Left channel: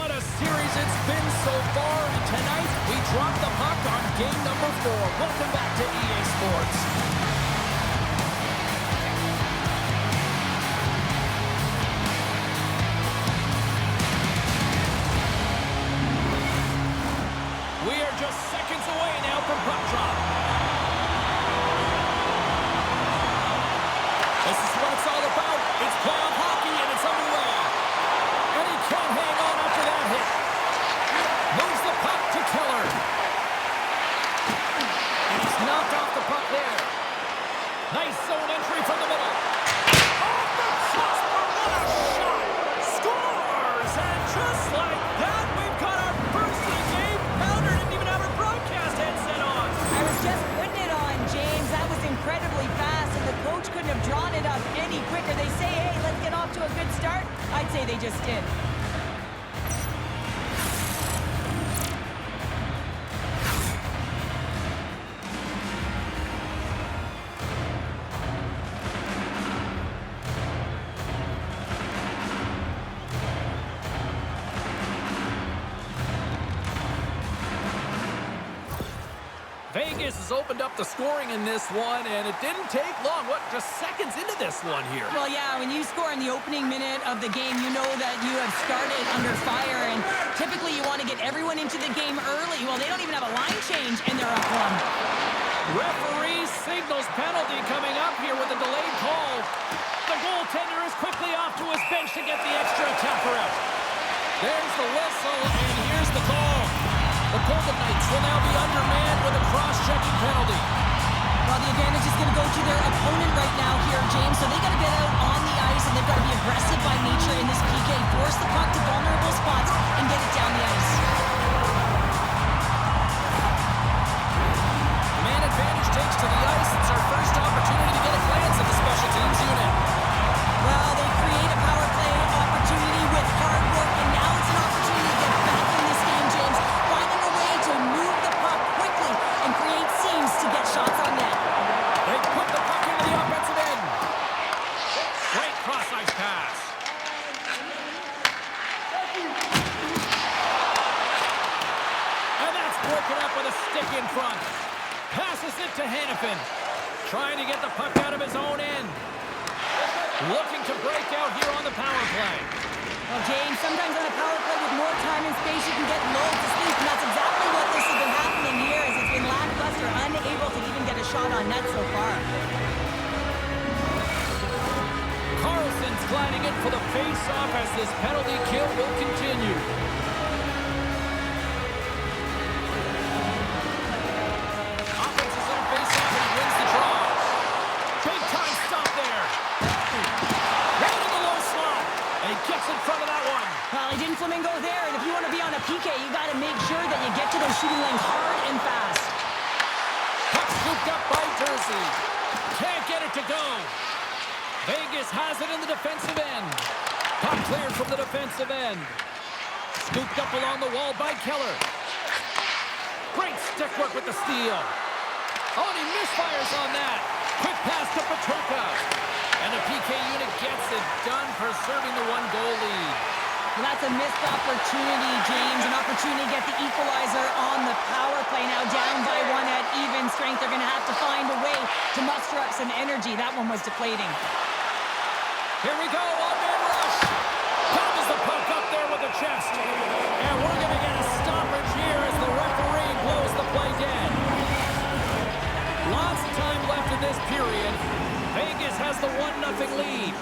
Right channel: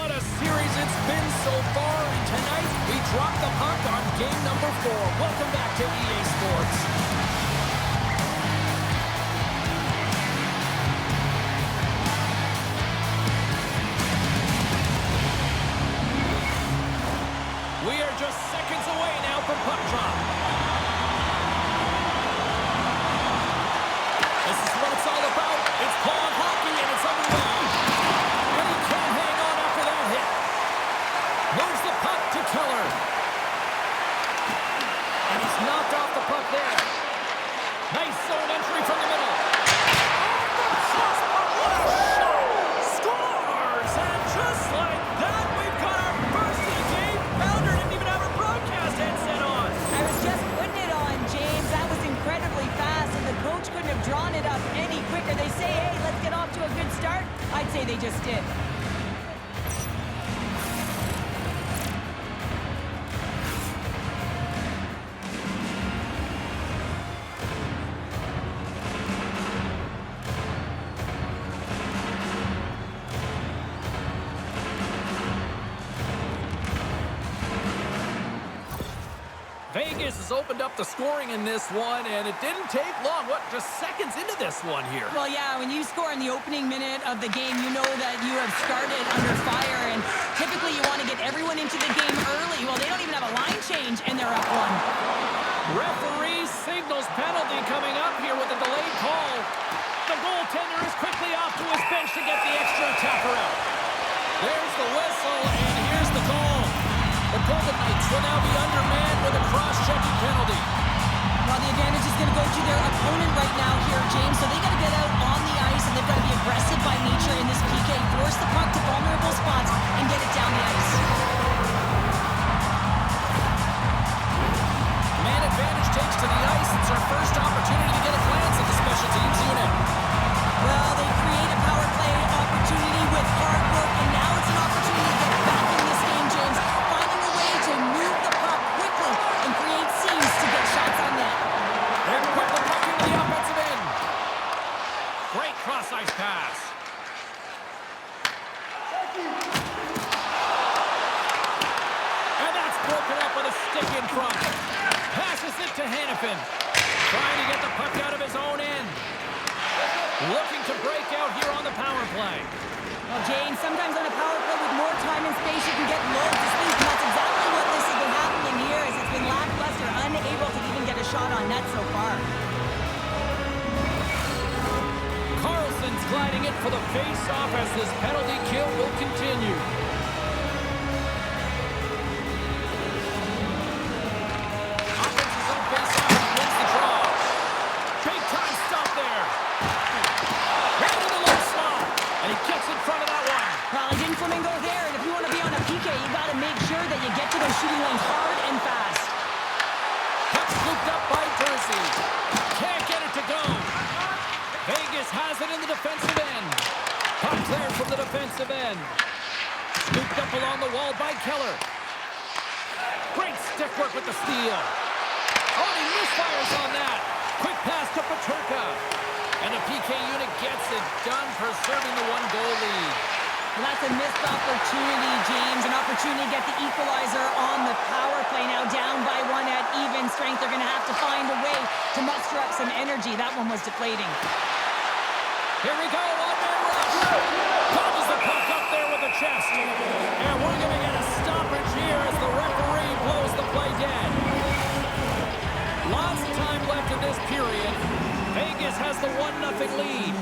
What a series it's been so far, and tonight we drop the puck on game number 4. Welcome back to EA Sports. We are just seconds away now from puck drop. This is what it's all about. It's playoff hockey, and it's underway. And he can't hang on after that hit. Moves the puck to Keller. And he's knocked off the puck there. Nice zone entry from the middle. Off the crossbar, what a shot! Scores! And just like that, we've got our first of the game. Pounder didn't even have her broadcast headset on. I was just putting it on, James. That was incredibly fast, and the coach couldn't have drawn it up any quicker. They say, hey, let's get off to a good start. I'd say they just did. Vegas has opened up the scoring in this one, and it didn't take long. What, just seconds into this one here? Well, yeah, when you score in the opening minute of the game, you know that you have started under fire, and typically you want to get everyone into the game early. Well, they don't even have a line change, and they're up 1. Referee signals penalty coming up here with a delayed call. The goaltender is quickly off to his bench to get the extra attacker out. There's the whistle, and here's the call. The Golden Knights will now be undermanned with a cross-checking penalty. Well, the advantage is going to go to their opponent right now here, James, so they got to get out on the ice, and they've got to be aggressive by nature in this PK. Force the puck to vulnerable spots and get it down the ice. Man advantage takes to the ice. It's our first opportunity to get a glance at the special teams unit. Well, they create a power play opportunity with hard work, and now it's an opportunity to get back in this game, James. Finding a way to move the puck quickly and create seams to get shots on net. They put the puck into the offensive end. Great cross-ice pass. And that's broken up with a stick in front. Passes it to Hanifin. Trying to get the puck out of his own end. Looking to break out here on the power play. Well, James, sometimes on a power play with more time and space, you can get loads of sleep, and that's exactly what this has been happening here, as it's been lackluster, unable to even get a shot on net so far. Carlson's gliding it for the face-off as this penalty kill will continue. Offense's own face-off, and he wins the draw. Big-time stop there. Right in the low slot. And he gets in front of that one. Well, he didn't flamingo there, and if you want to be on a PK, you got to make sure that you get to those shooting lanes hard and fast. Puck scooped up by Jersey. Can't get it to go. Vegas has it in the defensive end. Puck cleared from the defensive end. Scooped up along the wall by Keller. Great stick work with the steal. Oh, and he misfires on that. Quick pass to Peterka. And the PK unit gets it done, preserving the 1-goal lead. Well, that's a missed opportunity, James. An opportunity to get the equalizer on the power play. Now down by 1 at even strength. They're going to have to find a way to muster up some energy. That one was deflating. Here we go, one-man rush. Gobbles the puck up there with the chest. And we're going to get a stoppage here as the referee blows the play dead. Lots of time left in this period. Vegas has the 1-0 lead.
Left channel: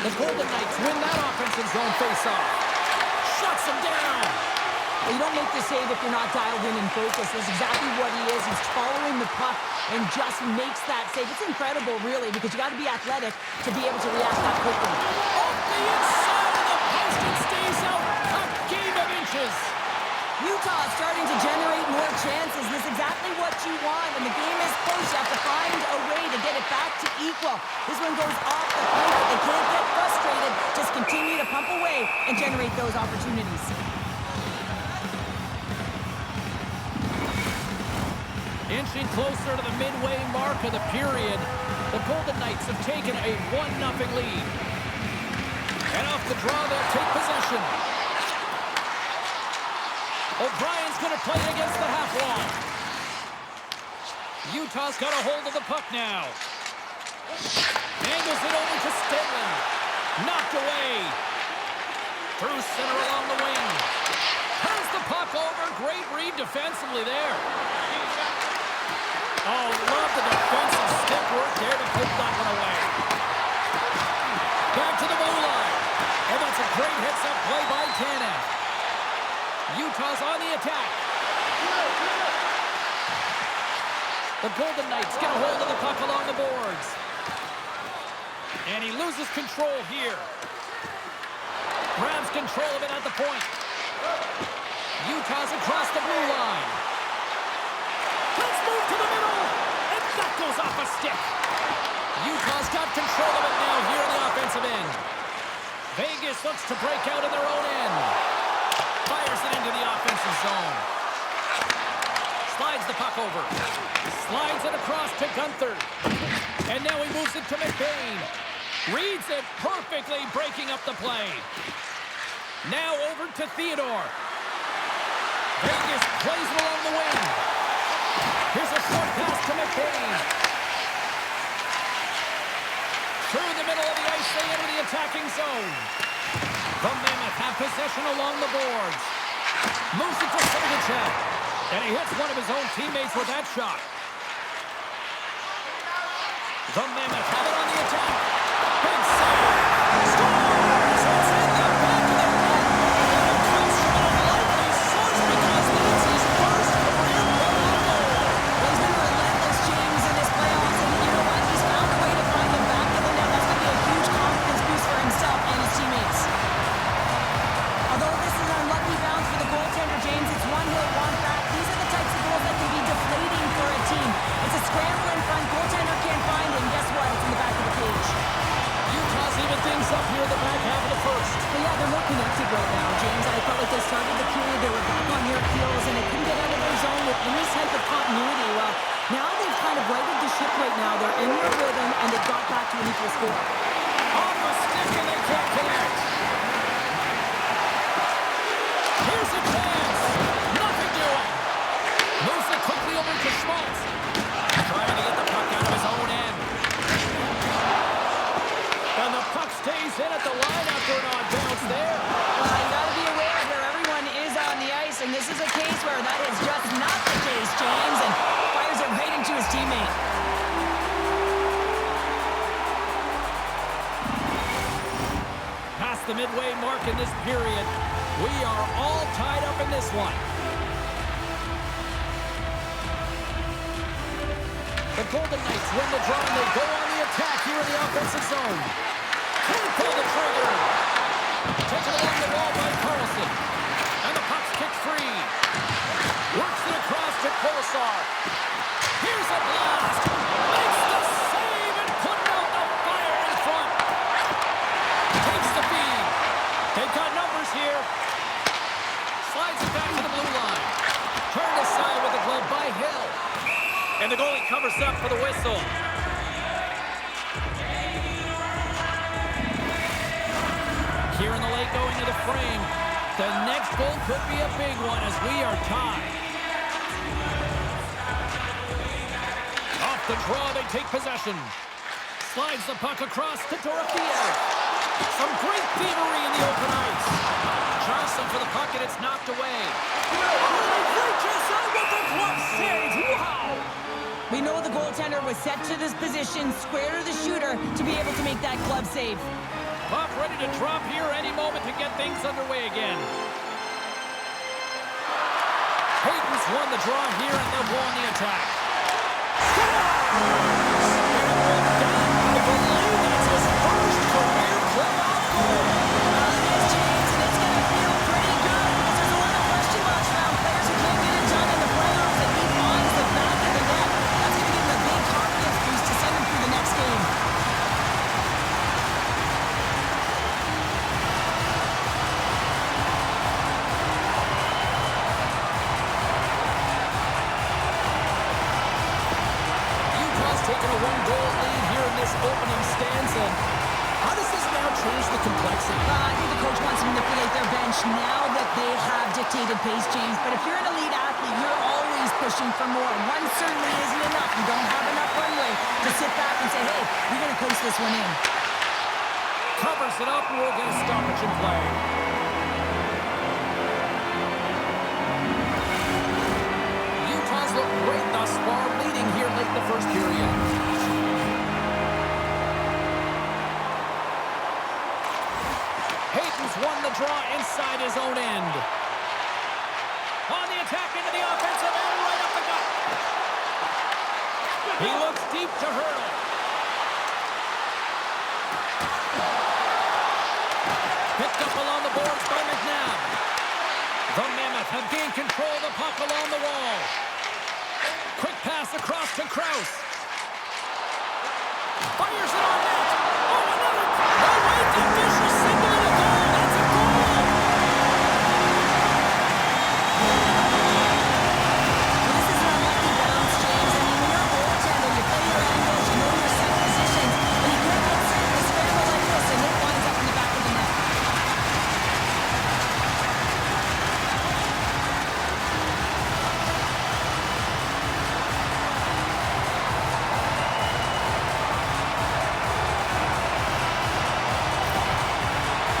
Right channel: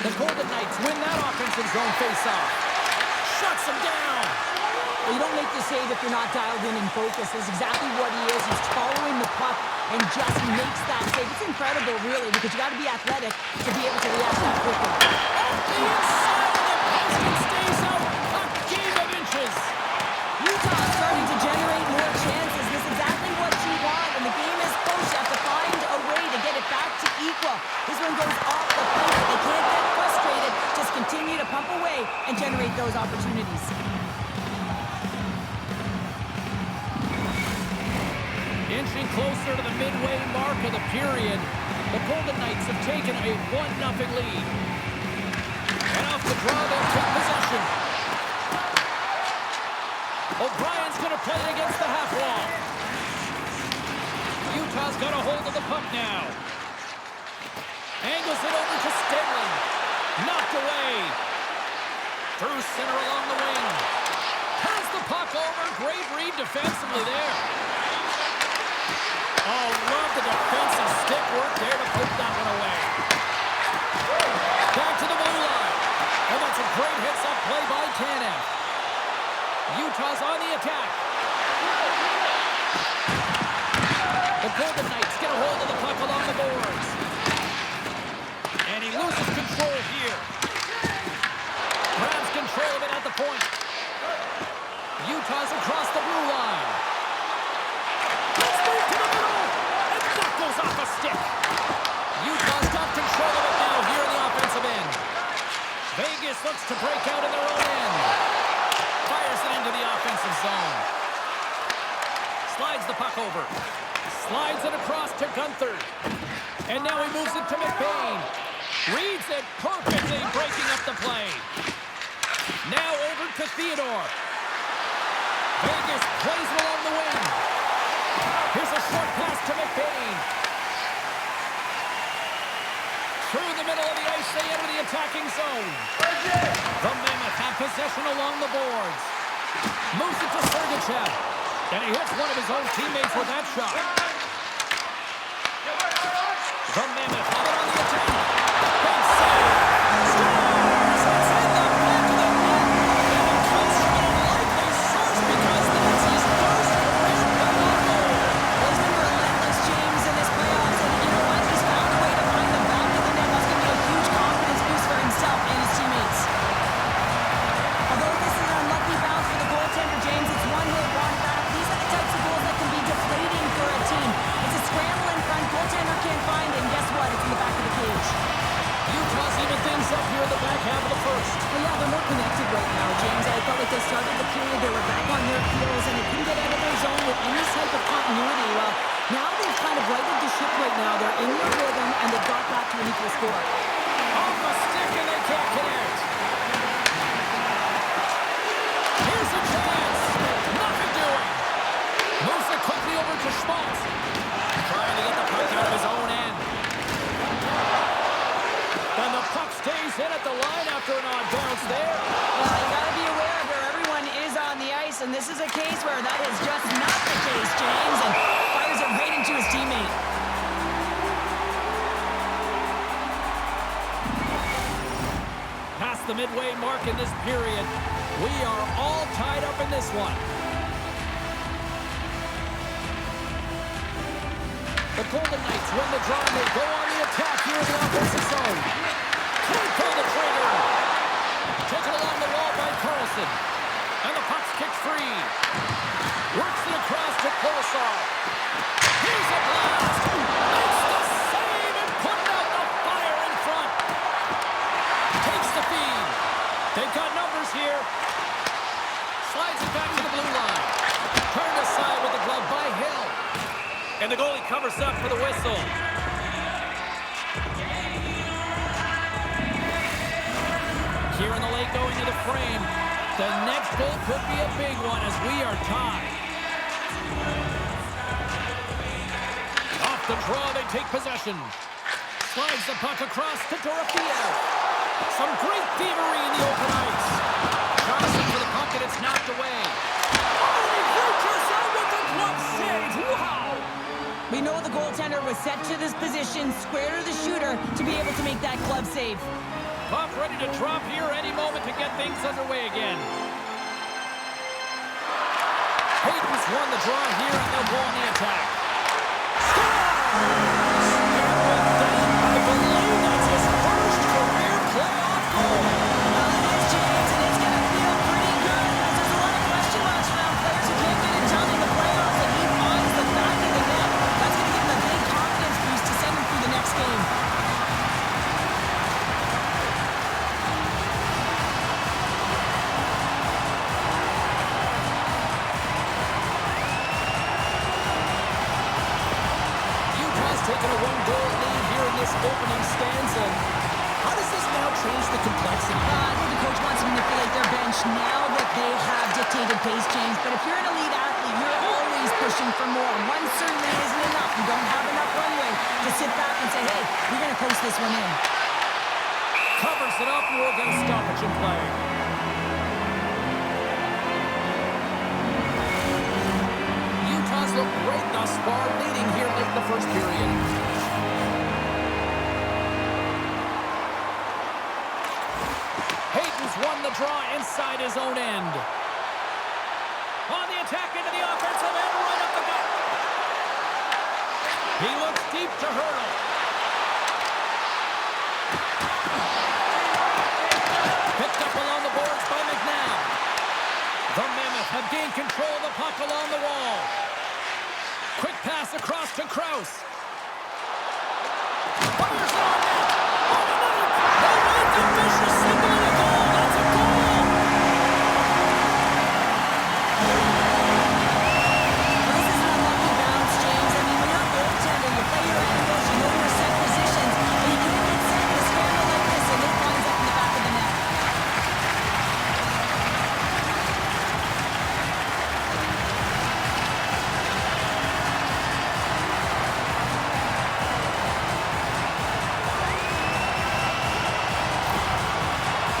The Golden Knights win that offensive zone face-off. Shuts him down. Well, you don't make the save if you're not dialed in and focused. That's exactly what he is. He's following the puck and just makes that save. It's incredible, really, because you got to be athletic to be able to react that quickly. Off the inside of the post and stays out a game of inches. Utah starting to generate more chances. This is exactly what you want. When the game is close, you have to find a way to get it back to equal. This one goes off the plate, but they can't get frustrated. Just continue to pump away and generate those opportunities. Inching closer to the midway mark of the period, the Golden Knights have taken a 1-0 lead. And off the draw, they'll take possession. O'Brien's going to play against the half wall. Utah's got a hold of the puck now. Angles it over to Stanley. Knocked away. Through center along the wing. Turns the puck over. Great read defensively there. Oh, love the defensive stick work there to poke that one away. Back to the blue line. And that's a great hits-up play by Tanev. Utah's on the attack. The Golden Knights get a hold of the puck along the boards. And he loses control here. Grabs control of it at the point. Utah's across the blue line. Let's move to the middle. And that goes off a stick. Utah's got control of it now here in the offensive end. Vegas looks to break out in their own end. Fires it into the offensive zone. Slides the puck over. Slides it across to Gunther. And now he moves it to McBain. Reads it perfectly, breaking up the play. Now over to Theodore. Vegas plays it along the wing. Here's a short pass to McBain. Through the middle of the ice, they enter the attacking zone. The Mammoth have possession along the boards. Moves it to Sergachev. And he hits one of his own teammates with that shot. The Mammoth have it on the attack. Big save. Scores! It's in the back of the net. And it comes from an unlikely source because that's his first career playoff goal. Well, he's been relentless, James, in this playoffs. And you know what? He's found a way to find the back of the net. That's going to be a huge confidence boost for himself and his teammates. Although this is an unlucky bounce for the goaltender, James, it's one hit, one back. These are the types of goals that can be deflating for a team. It's a scramble in front, goaltender can't find it, and guess what? It's in the back of the cage. Utah's even things up here in the back half of the first. Well, yeah, they're more connected right now, James. I felt like they started the period, they were back on their heels, and they couldn't get out of their zone with any type of continuity. Well, now they've kind of righted the ship right now. They're in their rhythm, and they've got back to an equal score. Off a stick, and they can't connect. Here's a chance. Nothing doing. Moves it quickly over to Schmaltz. Trying to get the puck out of his own end. And the puck stays in at the line after an odd bounce there. Well, you got to be aware of where everyone is on the ice, and this is a case where that is just not the case, James, and fires it right into his teammate. Past the midway mark in this period, we are all tied up in this one. The Golden Knights win the draw, and they go on the attack here in the offensive zone. Can't pull the trigger. Taken along the wall by Carlson. And the puck's kicked free. Works it across to Kolosar. Here's a blast. Makes the save and putting out the fire in front. Takes the feed. They've got numbers here. Slides it back to the blue line. Turned aside with the glove by Hill. And the goalie covers up for the whistle. Here in the late going to the frame. The next goal could be a big one as we are tied. Off the draw, they take possession. Slides the puck across to Dorofeev. Some great thievery in the open ice. Johnson for the puck, and it's knocked away. Oh, he reaches out with the glove save. Wow! We know the goaltender was set to this position, square to the shooter, to be able to make that glove save. Puck ready to drop here any moment to get things underway again. Hayden's won the draw here, and they'll go on the attack. Scores! And with that, I believe that's his first career playoff goal. Well, it is, James, and it's going to feel pretty good because there's a lot of question marks around players who can't get it done in the playoffs, and he finds the back of the net. That's going to give him a big confidence boost to send him through the next game. Taking a one-goal lead here in this opening stanza. How does this now change the complexity? I think the coach wants to manipulate their bench now that they have dictated pace change. But if you're an elite athlete, you're always pushing for more. One certainly isn't enough. You don't have enough runway to sit back and say, hey, we're going to coast this one in. Covers it up, and we'll get a stoppage in play. Utah's looked great thus far, leading here late in the first period. Hayden's won the draw inside his own end. On the attack into the offensive end, right up the gut. He looks deep to hurdle. Picked up along the boards by McNabb. The Mammoth have gained control of the puck along the wall. Quick pass across to Krause. Fires it on net. Oh, another. No way, the official signaling a goal. That's a goal. Well, this is an unlucky bounce, James. I mean, when you're a goaltender, you play your angles, you know your set positions, but you can't get set in a scramble like this, and it winds up in the back of the net.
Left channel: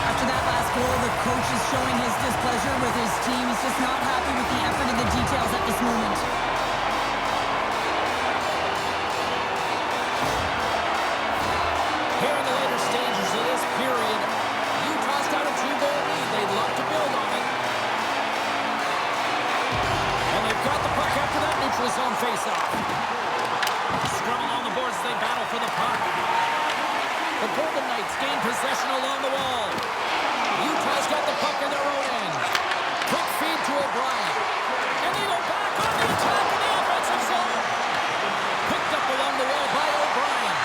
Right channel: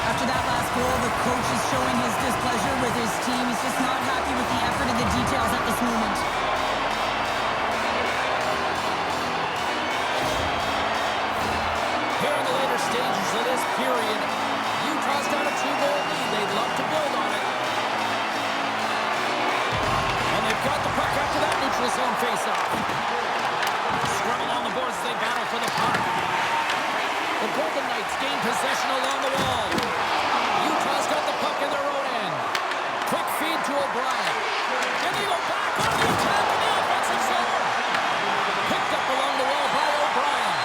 After that last goal, the coach is showing his displeasure with his team. He's just not happy with the effort and the details at this moment. Here in the later stages of this period, Utah's got a 2-goal lead. They'd love to build on it. And they've got the puck after that neutral zone faceoff. Scrum along the boards as they battle for the puck. The Golden Knights gain possession along the wall. Utah's got the puck in their own end. Quick feed to O'Brien. And they go back on the attack in the offensive zone. Picked up along the wall by O'Brien.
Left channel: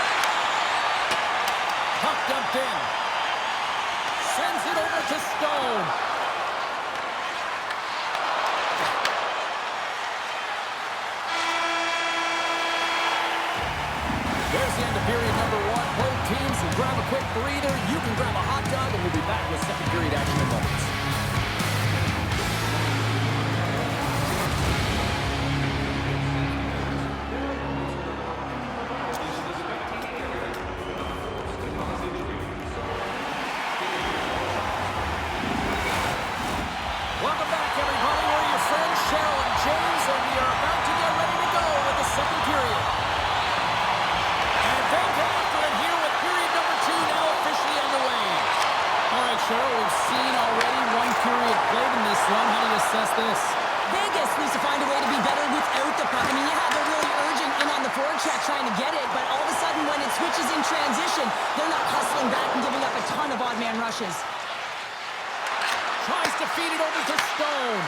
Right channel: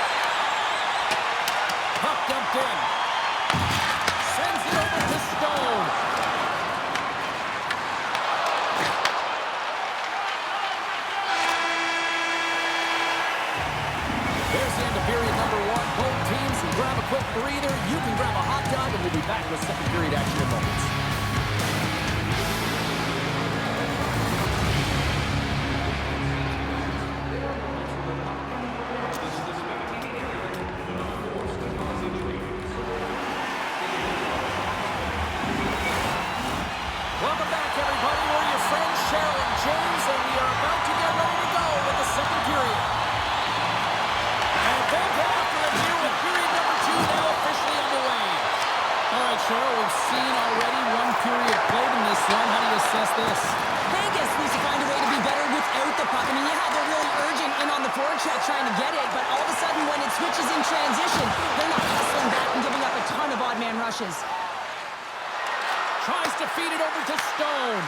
Puck dumped in. Sends it over to Stone. There's the end of period number 1. Both teams can grab a quick breather. You can grab a hot dog, and we'll be back with second period action in moments. Welcome back, everybody. We're your friends, Cheryl and James, and we are about to get ready to go with the second period. And they'll get after it here with period number 2 now officially underway. All right, Cheryl, we've seen already one period played in this one. How do you assess this? Vegas needs to find a way to be better without the puck. I mean, yeah, they're really urgent in on the forecheck trying to get it, but all of a sudden when it switches in transition, they're not hustling back and giving up a ton of odd man rushes. Tries to feed it over to Stone.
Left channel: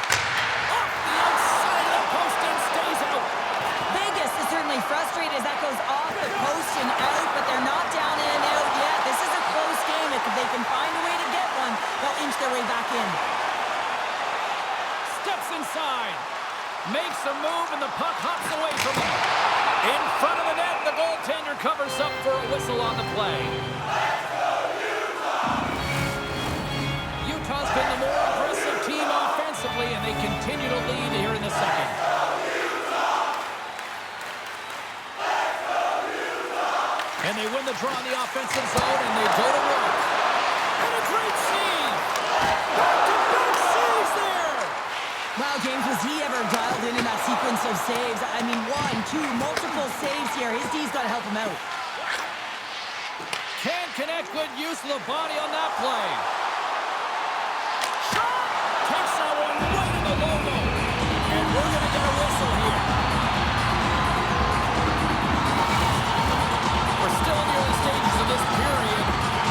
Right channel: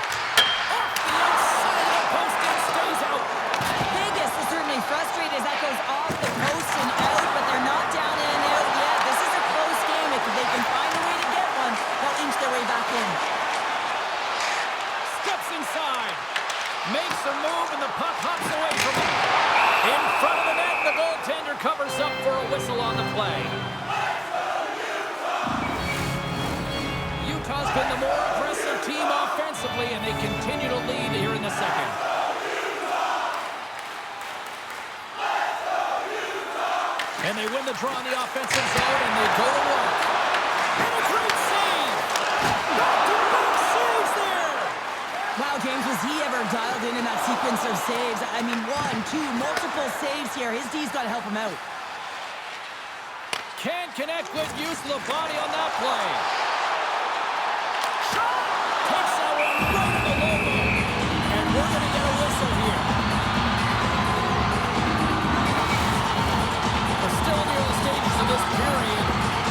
Off the outside of the post and stays out. Vegas is certainly frustrated as that goes off the post and out, but they're not down and out yet. This is a close game. If they can find a way to get one, they'll inch their way back in. Steps inside. Makes a move, and the puck hops away from him. In front of the net, and the goaltender covers up for a whistle on the play. Utah's been the more aggressive team offensively, and they continue to lead here in the second. And they win the draw in the offensive zone, and they go to work. And a great save! Back-to-back saves there! Wow, James, was he ever dialed in that sequence of saves? I mean, 1, 2, multiple saves here. His D's got to help him out. Can't connect. Good use of the body on that play. Shot! Takes that one right in the logo. And we're going to get a whistle here. We're still in the early stages of this period.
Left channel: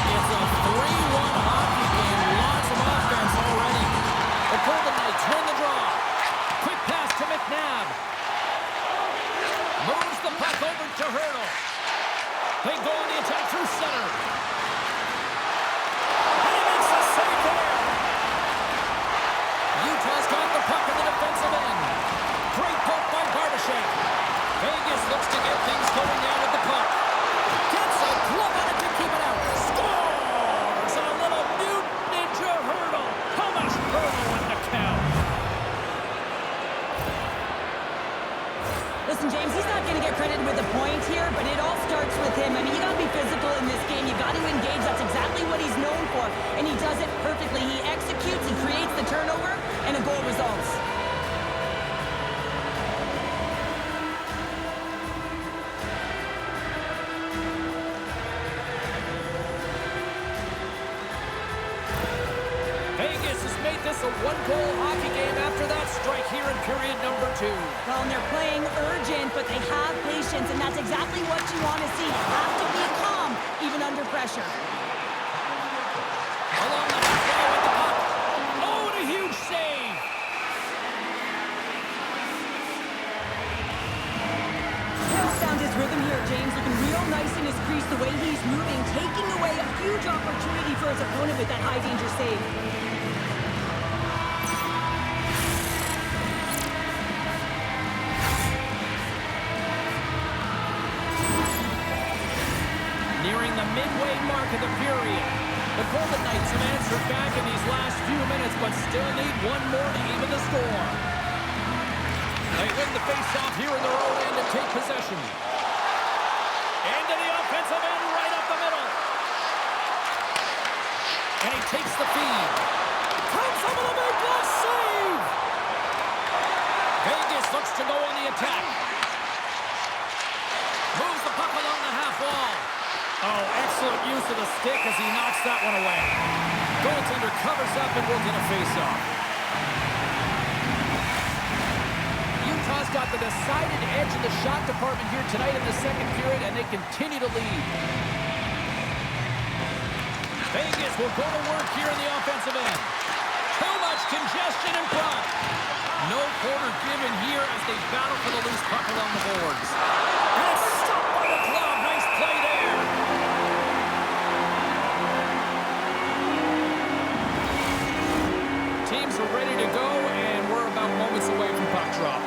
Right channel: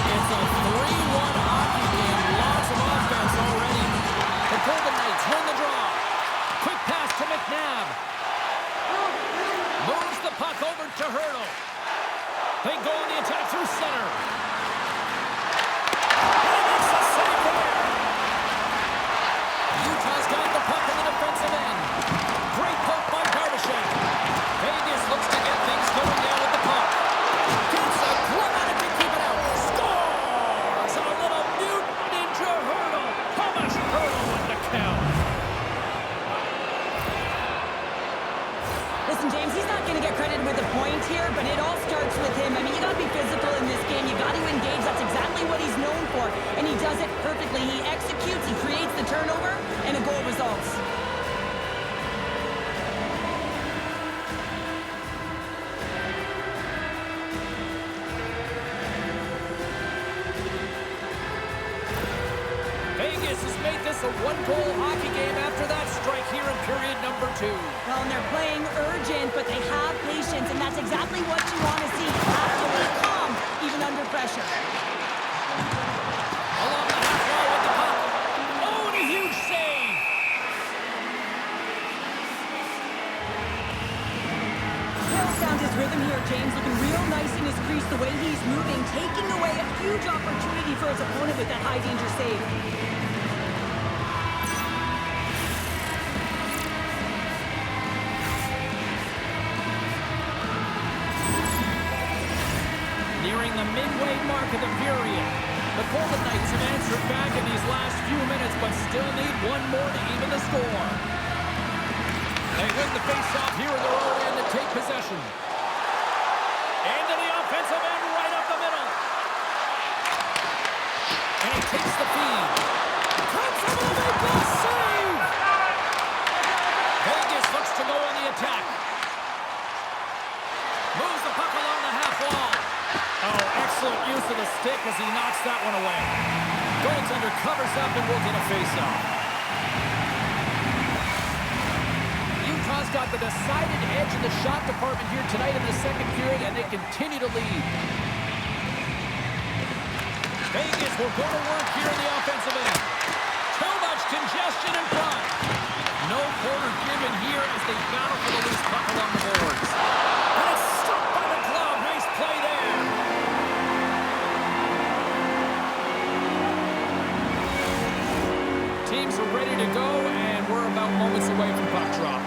It's a 3-1 hockey game. Lots of offense already. The Golden Knights win the draw. Quick pass to McNabb. Moves the puck over to Hurdle. They go on the attack through center. And he makes a save there. Utah's got the puck in the defensive end. Great poke by Barbashev. Vegas looks to get things going now with the puck. Gets a glove on it to keep it out. Score! Listen, James, he's not going to get credited with a point here, but it all starts with him. I mean, you got to be physical in this game. You got to engage. That's exactly what he's known for, and he does it perfectly. He executes, he creates the turnover, and a goal results. Vegas has made this a one-goal hockey game after that strike here in period number 2. Well, and they're playing urgent, but they have patience, and that's exactly what you want to see. You have to be calm, even under pressure. Along the half wall with the puck. Oh, and a huge save. He'll found his rhythm here, James. Looking real nice in his crease, the way he's moving, taking away a huge opportunity for his opponent with that high-danger save. Nearing the midway mark of the period. The Golden Knights have answered back in these last few minutes, but still need one more to even the score. They win the face-off here in their own end to take possession. Into the offensive end, right up the middle. And he takes the feed. Comes up with a big blast save. Vegas looks to go on the attack. Moves the puck along the half wall. Oh, excellent use of the stick as he knocks that one away. Goaltender covers up and will get a face-off. Utah's got the decided edge in the shot department here tonight in the second period, and they continue to lead. Vegas will go to work here in the offensive end. Too much congestion in front. No quarter given here as they battle for the loose puck along the boards. And it's stopped by the glove. Nice play there. Teams are ready to go, and we're about moments away from puck drop.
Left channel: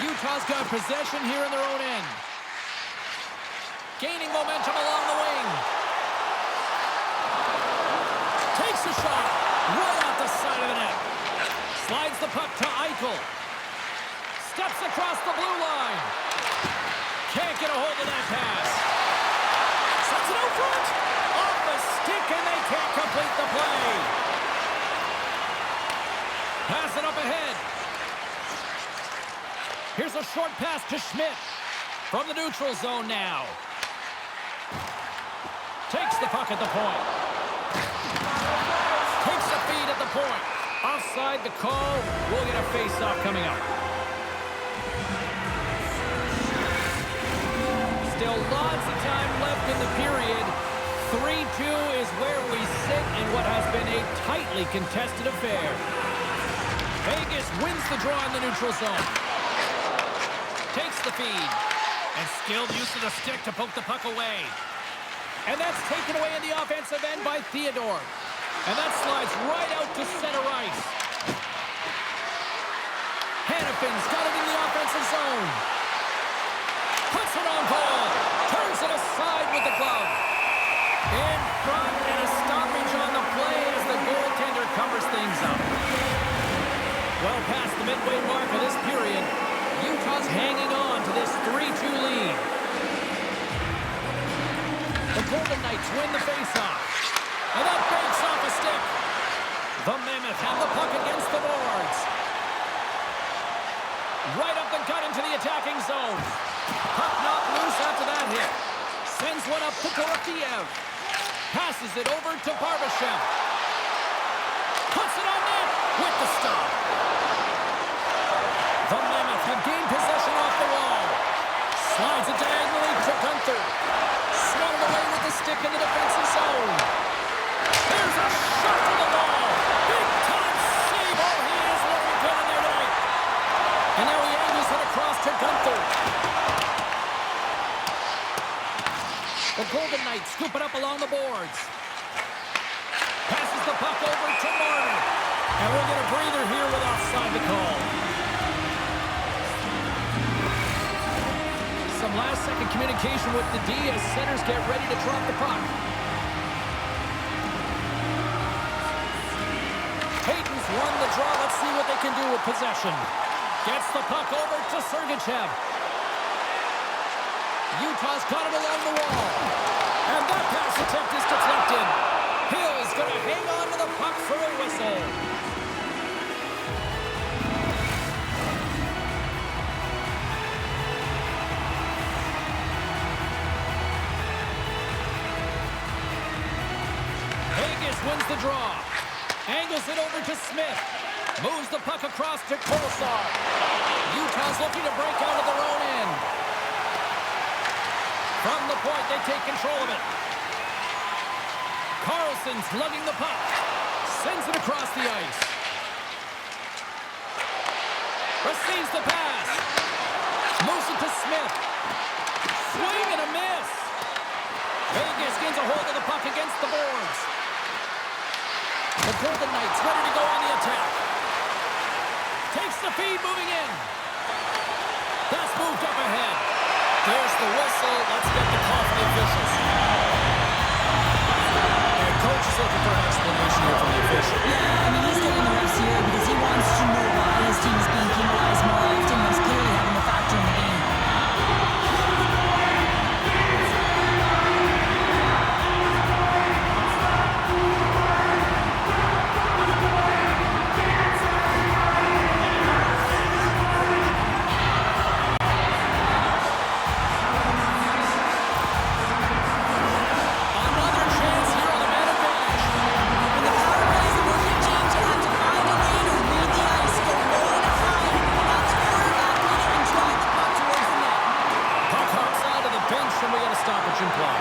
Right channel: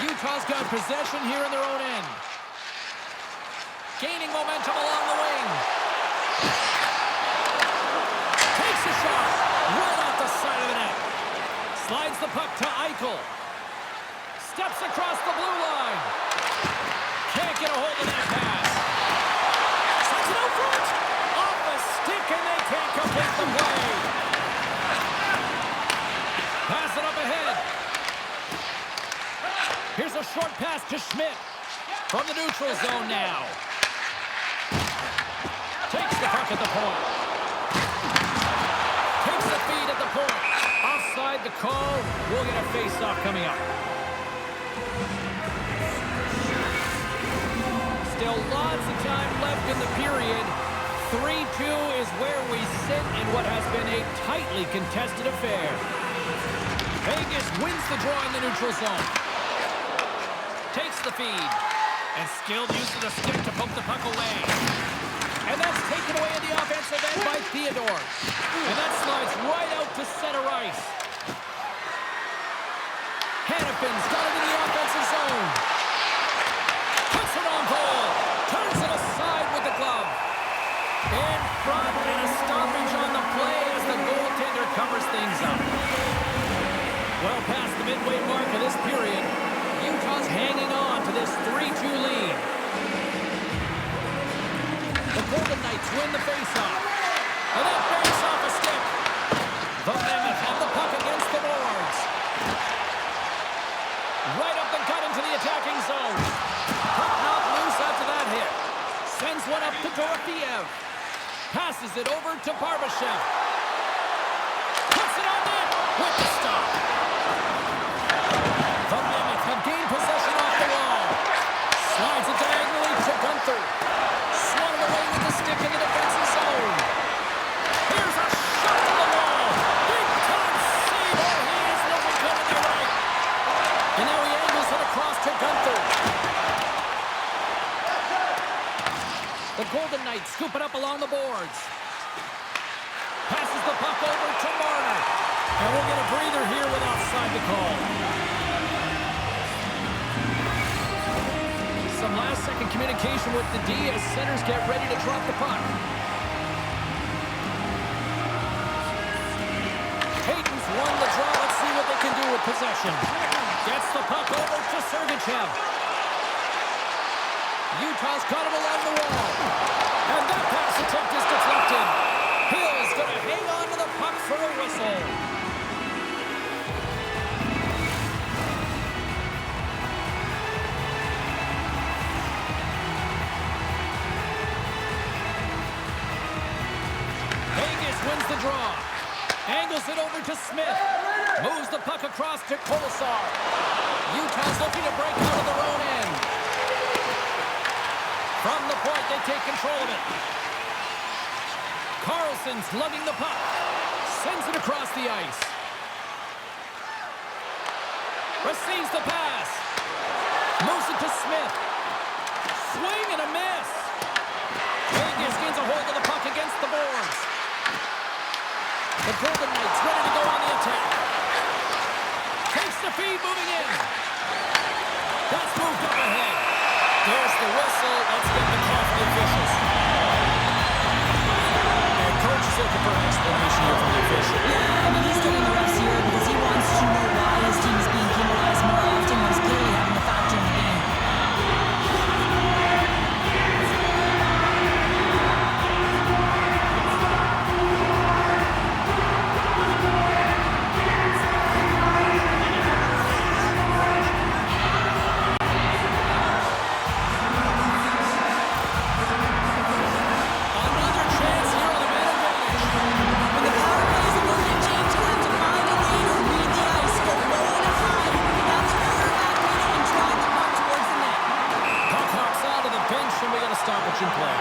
Utah's got possession here in their own end. Gaining momentum along the wing. Takes a shot right off the side of the net. Slides the puck to Eichel. Steps across the blue line. Can't get a hold of that pass. Sends it out front. Off the stick, and they can't complete the play. Pass it up ahead. Here's a short pass to Schmidt. From the neutral zone now. Takes the puck at the point. Takes the feed at the point. Offside the call. We'll get a face-off coming up. Still lots of time left in the period. 3-2 is where we sit in what has been a tightly contested affair. Vegas wins the draw in the neutral zone. Takes the feed. And skilled use of the stick to poke the puck away. And that's taken away in the offensive end by Theodore. And that slides right out to center ice. Hannafin's got it in the offensive zone. Puts it on goal. Turns it aside with the glove. In front, and a stoppage on the play as the goaltender covers things up. Well past the midway mark of this period, Utah's hanging on to this 3-2 lead. The Golden Knights win the faceoff. And that banks off a stick. The Mammoth have the puck against the boards. Right up the gut into the attacking zone. Puck knocked loose after that hit. Sends one up to Dorofiev. Passes it over to Barbashev. Puts it on net with the stop. The Mammoth have gained possession off the wall. Slides it diagonally to Gunther. Swung away with the stick in the defensive zone. Here's a shot to the wall. Big time save. Oh, he is looking good in their right. And now he angles it across to Gunther. The Golden Knights scoop it up along the boards. Passes the puck over to Marner. And we'll get a breather here with offside the call. Some last-second communication with the D as centers get ready to drop the puck. won the draw. Let's see what they can do with possession. Gets the puck over to Sergachev. Utah's got it along the wall. And that pass attempt is deflected. Hill's going to hang on to the puck for a whistle. Vegas wins the draw. Angles it over to Smith. Moves the puck across to Kolesar. Utah's looking to break out of their own end. From the point, they take control of it. Carlson's lugging the puck. Sends it across the ice. Receives the pass. Moves it to Smith. Swing and a miss. Vegas gains a hold of the puck against the boards. The Golden Knights ready to go on the attack. Takes the feed, moving in. That's moved up ahead. There's the whistle. Let's get the call from the officials. And coach is looking for an explanation here from the official. Yeah, I mean, he's getting the refs here because he wants to know why his team is being penalized more often when he's clearly having a factor in the game. And we got a stoppage in play.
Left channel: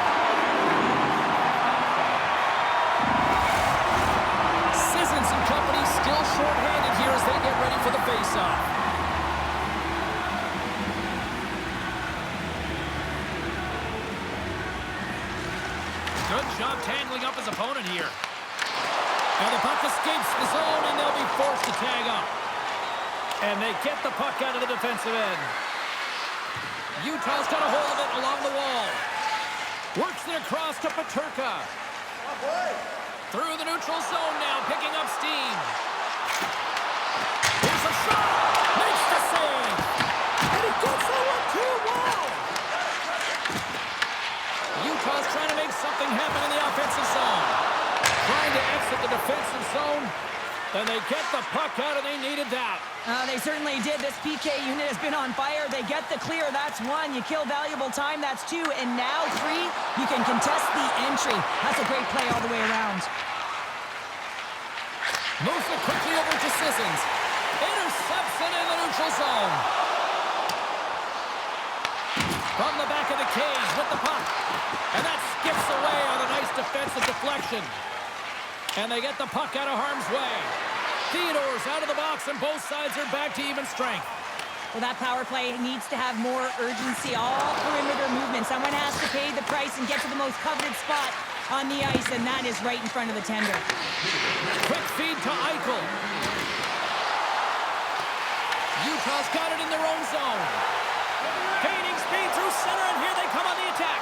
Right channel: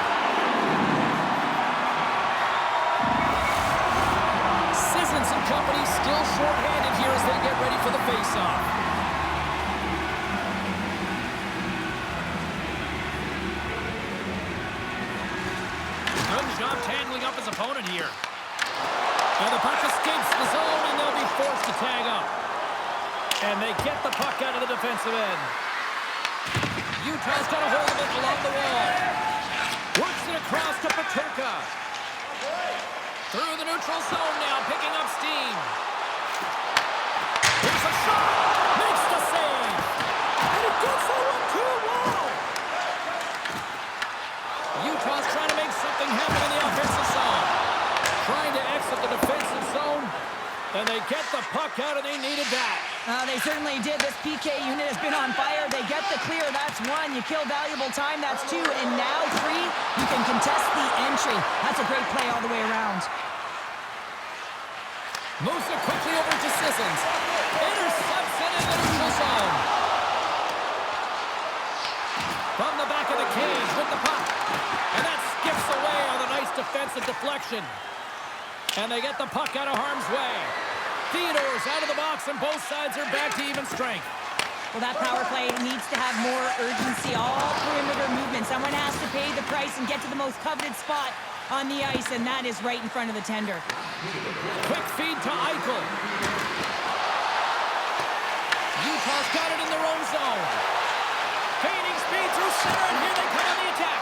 Sissons and company still short-handed here as they get ready for the face-off. Good job tangling up his opponent here. And the puck escapes the zone, and they'll be forced to tag up. And they get the puck out of the defensive end. Utah's got a hold of it along the wall. Works it across to Peterka. Through the neutral zone now, picking up steam. Here's a shot. Makes the save. And he gets that one too. Wow. Utah's trying to make something happen in the offensive zone. Trying to exit the defensive zone. And they get the puck out, and they needed that. They certainly did. This PK unit has been on fire. They get the clear. That's one. You kill valuable time. That's two. And now three, you can contest the entry. That's a great play all the way around. Moves it quickly over to Sissons. Intercepts it in the neutral zone. From the back of the cage with the puck. And that skips away on a nice defensive deflection. And they get the puck out of harm's way. Theodore's out of the box, and both sides are back to even strength. Well, that power play needs to have more urgency. All perimeter movement. Someone has to pay the price and get to the most coveted spot on the ice, and that is right in front of the tender. Quick feed to Eichel. Utah's got it in their own zone. Gaining speed through center, and here they come on the attack.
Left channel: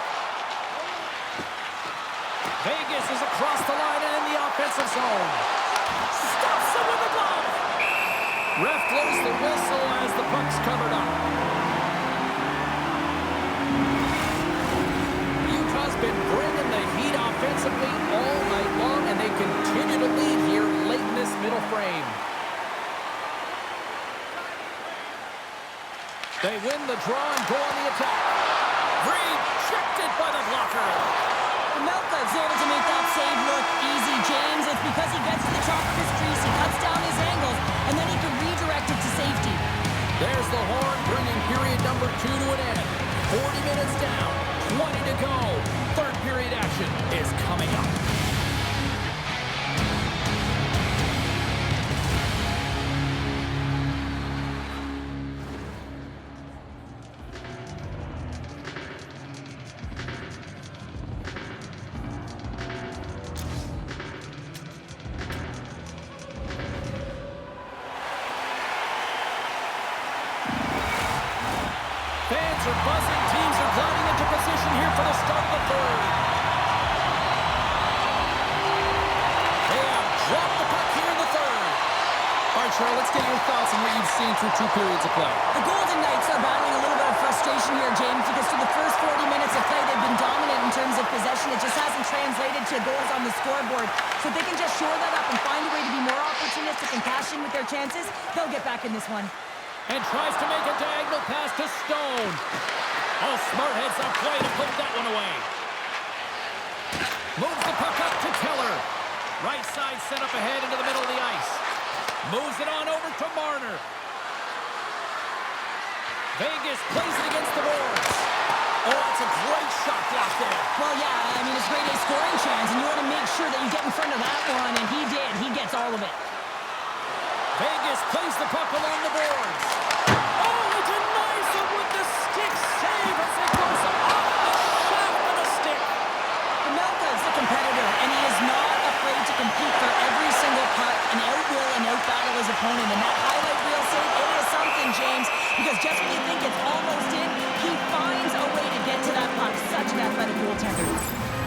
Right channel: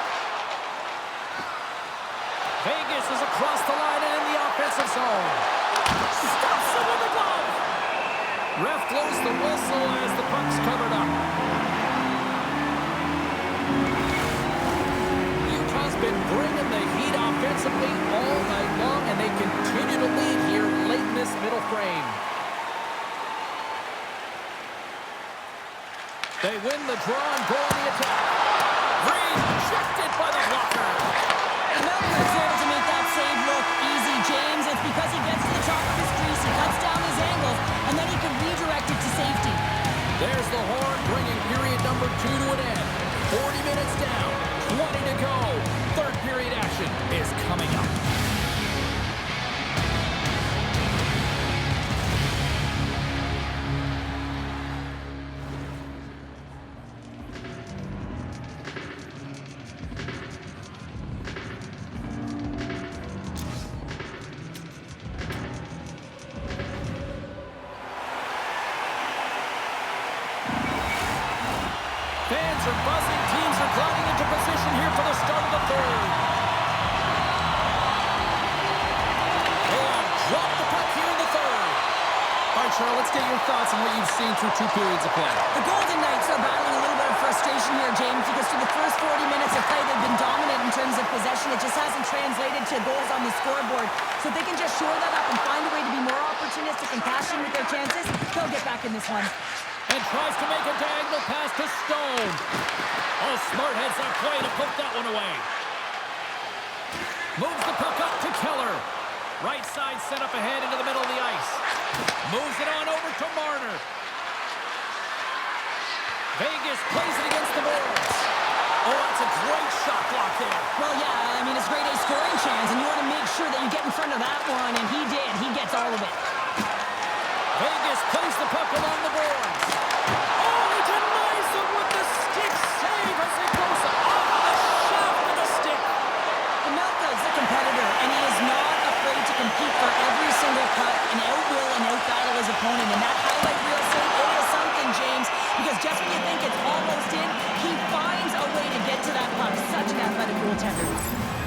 Vegas is across the line and in the offensive zone. Stops him with the glove. Ref blows the whistle as the puck's covered up. Utah's been bringing the heat offensively all night long, and they continue to lead here late in this middle frame. They win the draw and go on the attack. Rejected by the blocker. Melka's able to make that save look easy, James. It's because he gets to the top of his crease, he cuts down his angles, and then he can redirect it to safety. There's the horn, bringing period number 2 to an end. 40 minutes down, 20 to go. Third period action is coming up. Fans are buzzing. Teams are gliding into position here for the start of the third. They have dropped the puck here in the third. All right, Cheryl, let's get your thoughts on what you've seen through 2 periods of play. The Golden Knights are battling a little bit of frustration here, James, because through the first 40 minutes of play, they've been dominant in terms of possession. It just hasn't translated to goals on the scoreboard. So if they can just shore that up and find a way to be more opportunistic and cash in with their chances, they'll get back in this one. And tries to make a diagonal pass to Stone. Oh, smart heads up play to put that one away. Moves the puck up to Keller. Right side set up ahead into the middle of the ice. Moves it on over to Marner. Vegas plays it against the boards. Oh, that's a great shot block there. Well, yeah, I mean, it's grade A scoring chance, and you want to make sure that you get in front of that one, and he did. He gets all of it. Vegas plays the puck along the boards. Oh, he denies him with the stick save as it goes off the shaft of the stick. Melka is a competitor, and he is not afraid to compete for every single puck and outwill and outbattle his opponent. And that highlight reel save, it is something, James, because just when you think it's almost in, he finds a way to get to that puck. Such an athletic goaltender.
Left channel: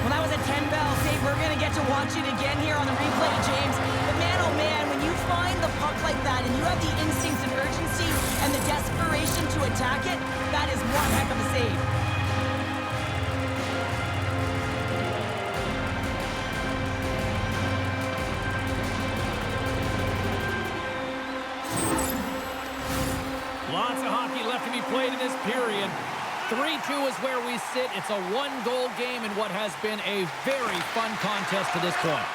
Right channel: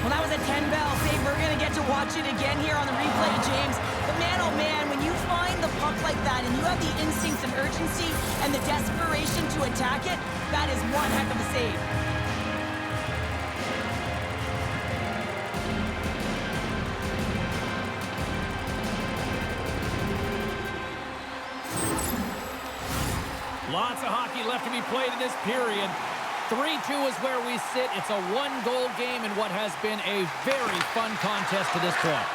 Well, that was a 10-bell save. We're going to get to watch it again here on the replay, James. But man, oh man, when you find the puck like that and you have the instincts and urgency and the desperation to attack it, that is one heck of a save. Lots of hockey left to be played in this period. 3-2 is where we sit. It's a 1-goal game in what has been a very fun contest to this point.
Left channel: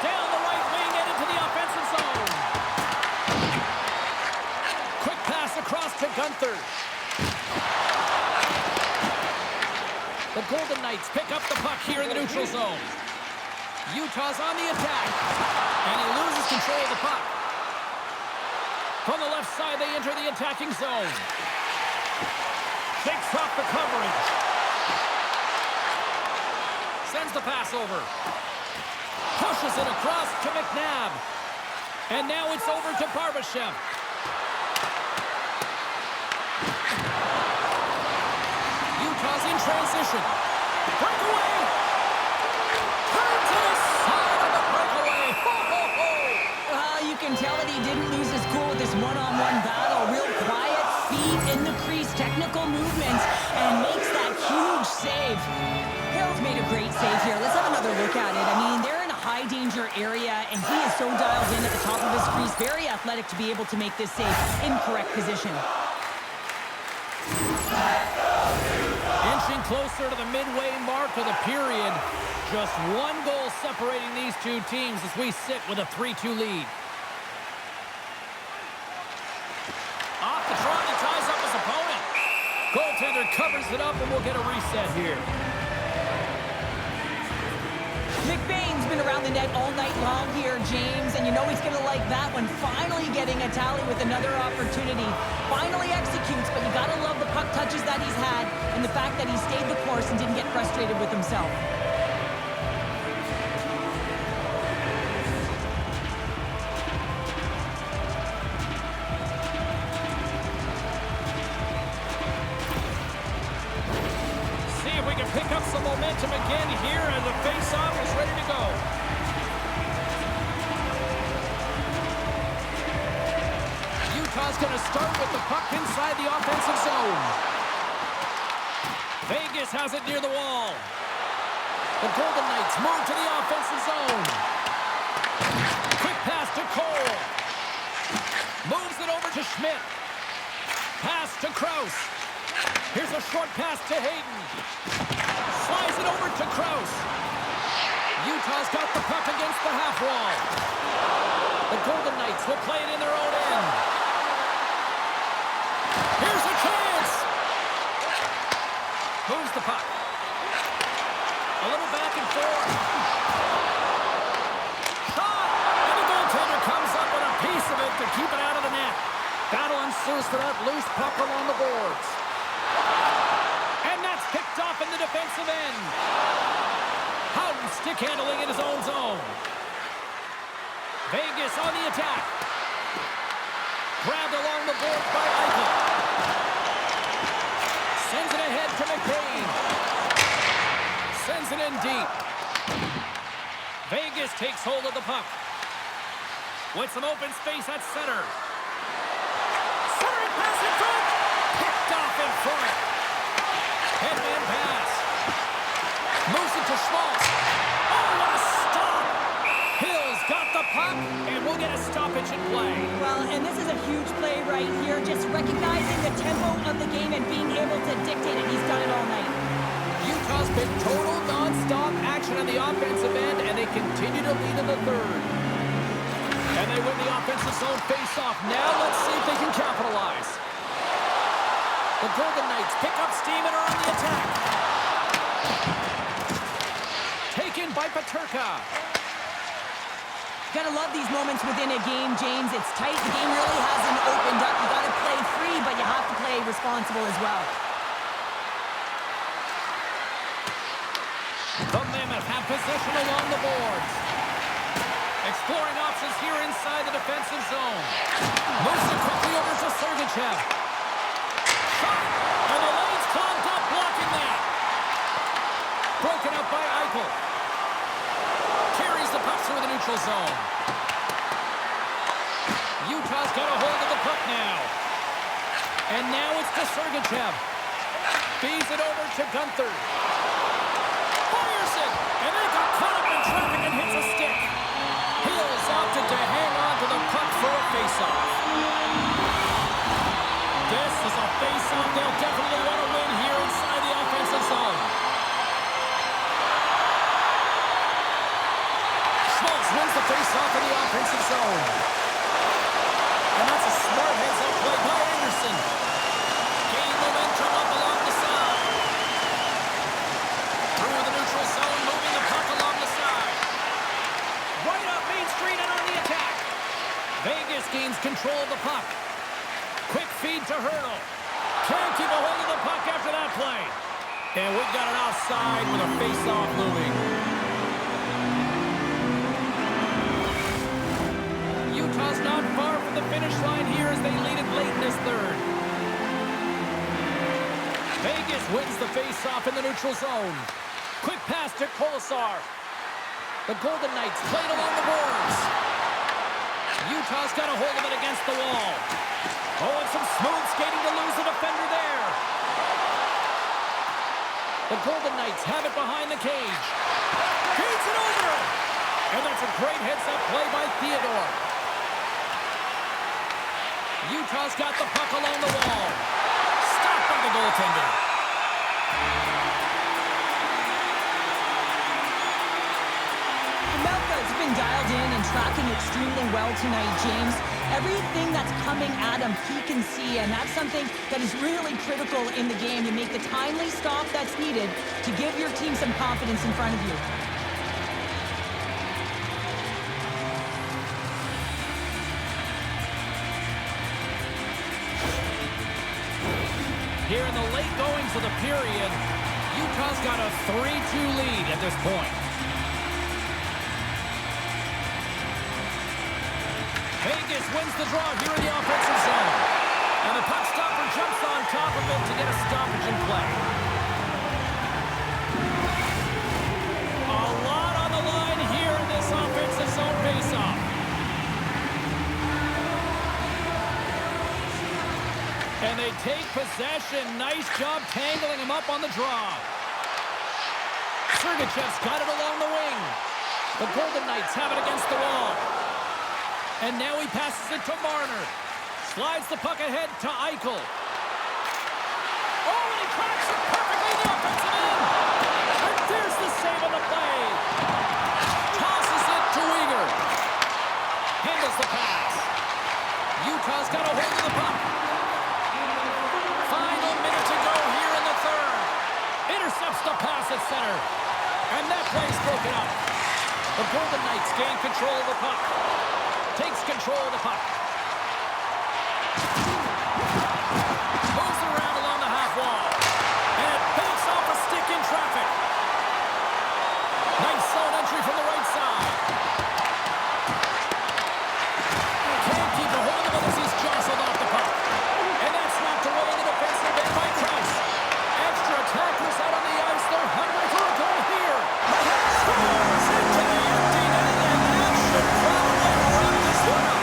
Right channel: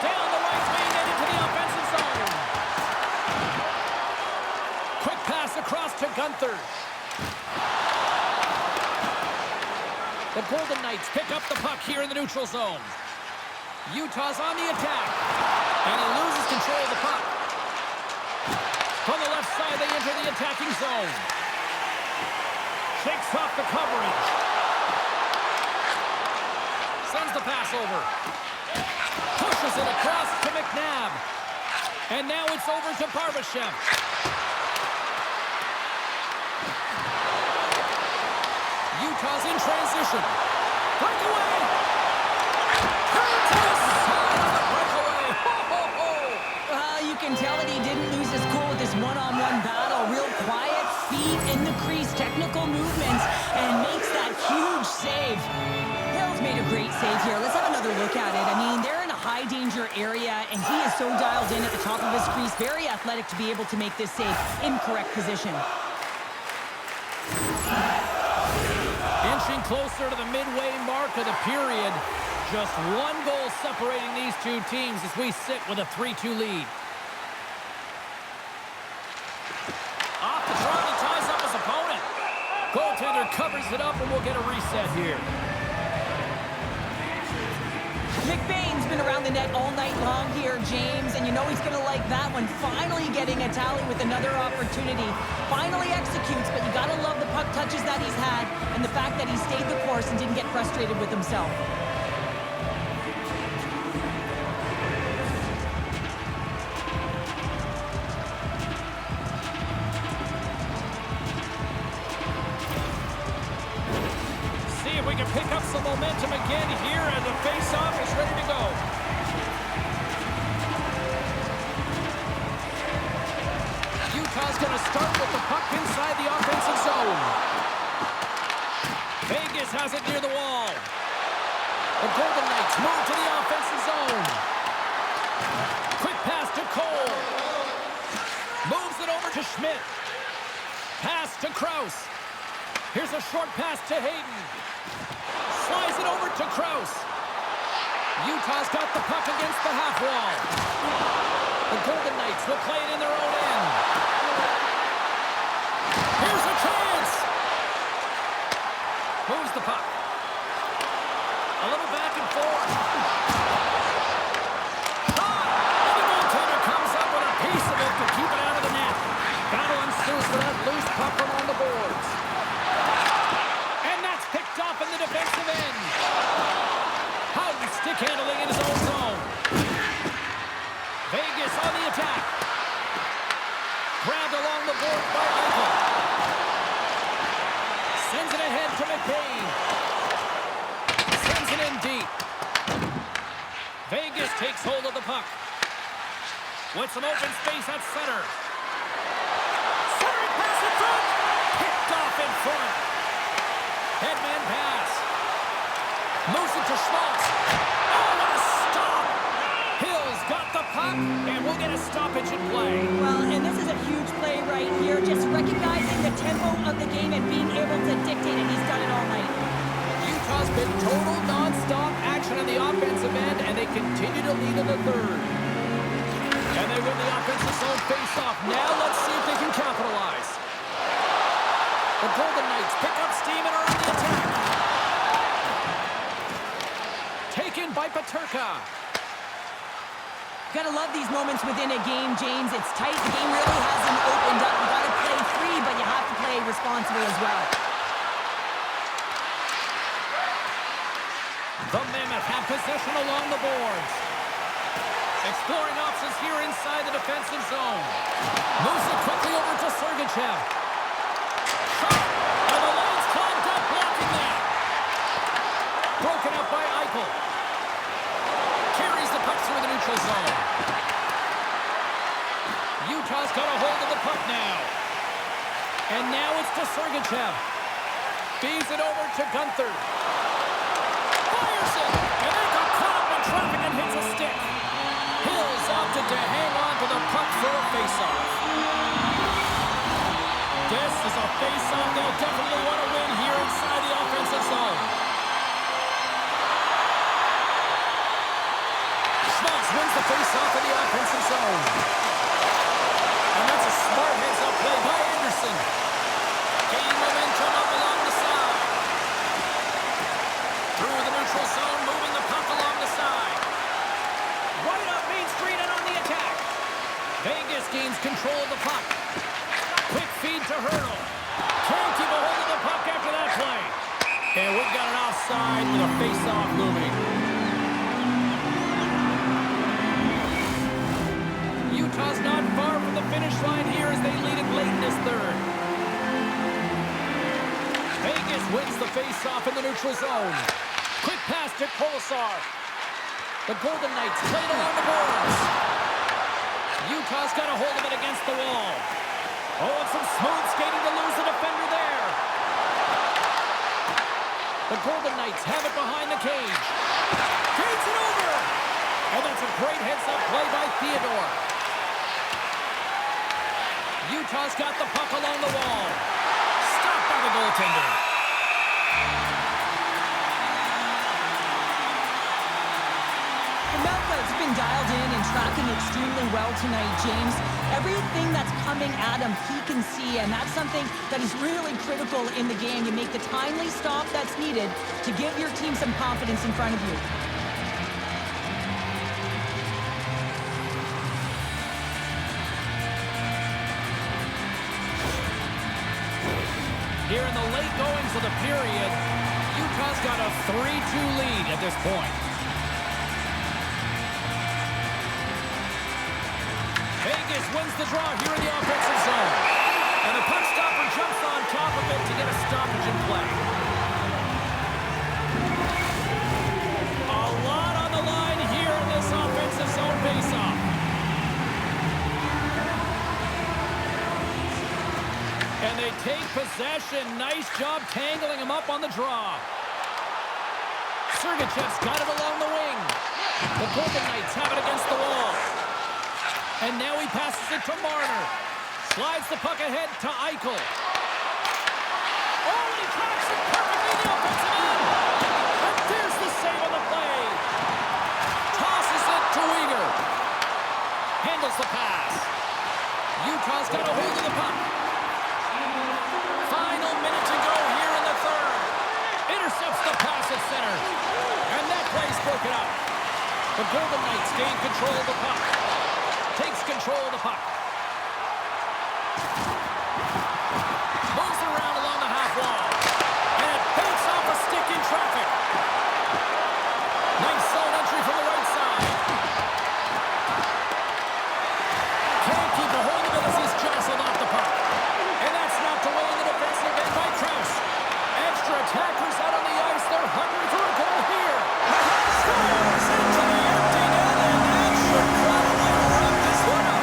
Down the right wing and into the offensive zone. Quick pass across to Gunther. The Golden Knights pick up the puck here in the neutral zone. Utah's on the attack. And he loses control of the puck. From the left side, they enter the attacking zone. Shakes off the coverage. Sends the pass over. Pushes it across to McNabb. And now it's over to Barbashev. Utah's in transition. Breakaway. Turn to the side of the breakaway. Ho, ho, ho. You can tell that he didn't lose his cool with this one-on-one battle. Real quiet, feet in the crease, technical movements, and makes that huge save. Hill's made a great save here. Let's have another look at it. I mean, they're in a high-danger area, and he is so dialed in at the top of his crease. Very athletic to be able to make this save in correct position. Inching closer to the midway mark of the period. Just 1 goal separating these two teams as we sit with a 3-2 lead. Off the trot, he ties up his opponent. Goaltender covers it up, and we'll get a reset here. McBain's been around the net all night long here, James, and you know he's going to like that one. Finally getting a tally with another opportunity. Finally executes, but you got to love the puck touches that he's had and the fact that he stayed the course and didn't get frustrated with himself. We can pick up some momentum again here as the face-off is ready to go. Utah's going to start with the puck inside the offensive zone. Vegas has it near the wall. The Golden Knights move to the offensive zone. Quick pass to Cole. Moves it over to Schmidt. Pass to Krause. Here's a short pass to Hayden. Slides it over to Krause. Utah's got the puck against the half wall. The Golden Knights will play it in their own end. Here's a chance. Moves the puck. A little back and forth. Shot! And the goaltender comes up with a piece of it to keep it out of the net. Battle ensues for that loose puck along the boards. And that's picked off in the defensive end. Howden stick handling in his own zone. Vegas on the attack. Grabbed along the board by Eichel. Sends it ahead to McBain. Sends it in deep. Vegas takes hold of the puck. with some open space at center. Centering pass in front. Picked off in front. Headman pass. Moves it to Schmaltz. Oh, what a stop! Hill's got the puck, and we'll get a stoppage in play. Well, and this is a huge play right here. Just recognizing the tempo of the game and being able to dictate it. He's done it all night. Utah's been total non-stop action on the offensive end, and they continue to lead in the third. And they win the offensive zone face-off. Now let's see if they can capitalize. The Golden Knights pick up steam and are on the attack. Taken by Peterka. Gotta love these moments within a game, James. It's tight. The game really hasn't opened up. You gotta play free, but you have to play responsible as well. The Mammoth have possession along the boards. Exploring options here inside the defensive zone. Moves it quickly over to Sergachev. Shot! And the lane's clogged up, blocking that. Broken up by Eichel. Carries the puck through the neutral zone. Utah's got a hold of the puck now. And now it's to Sergachev. Feeds it over to Gunther. Fires it! And they got caught up in traffic and hits a stick. Hills opted to hang on to the puck for a face-off. This is a face-off they'll definitely want to win here inside the offensive zone. Schmaltz wins the face-off in the offensive zone. And that's a smart heads-up play by Anderson. Gain momentum up along the side. Through the neutral zone, moving the puck along the side. Right up Main Street and on the attack. Vegas gains control of the puck. Quick feed to Hurdle. Can't keep a hold of the puck after that play. And we've got an offside with a face-off looming. Utah's not far from the finish line here as they lead it late in this third. Vegas wins the face-off in the neutral zone. Quick pass to Kolesar. The Golden Knights played along the boards. Utah's got a hold of it against the wall. Oh, and some smooth skating to lose the defender there. The Golden Knights have it behind the cage. Feeds it over. And that's a great heads-up play by Theodore. Utah's got the puck along the wall. Stopped by the goaltender. Melka's been dialed in and tracking extremely well tonight, James. Everything that's coming at him, he can see, and that's something that is really critical in the game. You make the timely stop that's needed to give your team some confidence in front of you. Here in the late goings of the period, Utah's got a 3-2 lead at this point. Vegas wins the draw here in the offensive zone. And the puck stopper jumps on top of it to get a stoppage in play. A lot on the line here in this offensive zone faceoff. And they take possession. Nice job tangling him up on the draw. Sergachev's got it along the wing. The Golden Knights have it against the wall. And now he passes it to Marner. Slides the puck ahead to Eichel. Oh, and he tracks it perfectly in the offensive end. And there's the save on the play. Tosses it to Weegar. Handles the pass. Utah's got a hold of the puck. Final minute to go here in the third. Intercepts the pass at center. And that play's broken up. The Golden Knights gain control of the puck. Takes control of the puck. Moves it around along the half wall. And it banks off a stick in traffic. Nice zone entry from the right side. Can't keep a hold of it as he's jostled off the puck. And that's snapped away in the defensive end by Krause. Extra attackers out on the ice. They're hungry for a goal here. Scores into the empty net, and that should probably wrap this one up.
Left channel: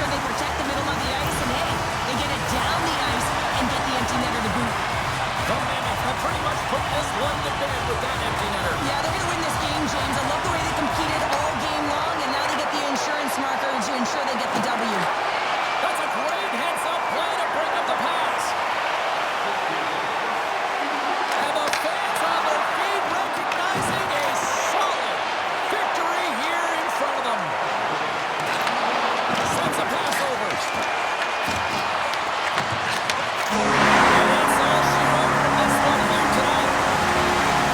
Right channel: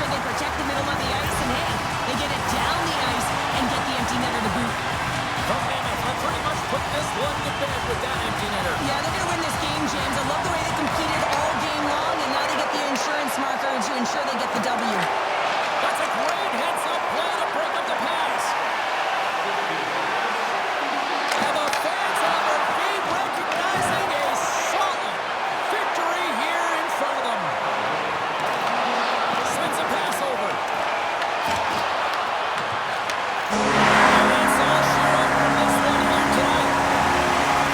sure they protect the middle of the ice, and hey, they get it down the ice and get the empty netter to boot. The Mammoth have pretty much put this one to bed with that empty netter. Yeah, they're going to win this game, James. I love the way they competed all game long, and now they get the insurance marker to ensure they get the W. That's a great heads-up play to break up the pass. And the fans on their feet recognizing a solid victory here in front of them. Sends a pass over. And that's all she wrote from this one here tonight.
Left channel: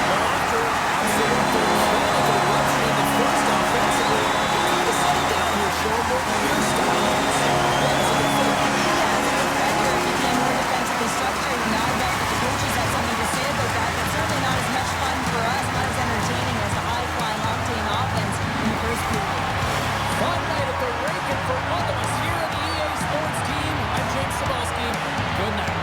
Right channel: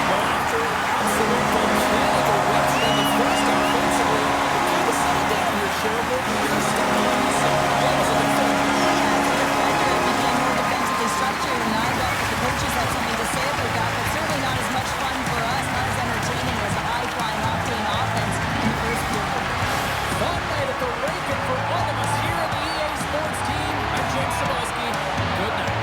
Well, after an absolute volcanic eruption in the first offensively, it kind of settled down here, Cheryl. More your style, I would say. As a defender. Yeah, as a defender, it became more defensively structured, and I bet that the coaches had something to say about that, but certainly not as much fun for us, not as entertaining as the high-flying octane offense in the first period. Fun night at the rink, and for all of us here at the EA Sports team, I'm James Cebulski. Good night.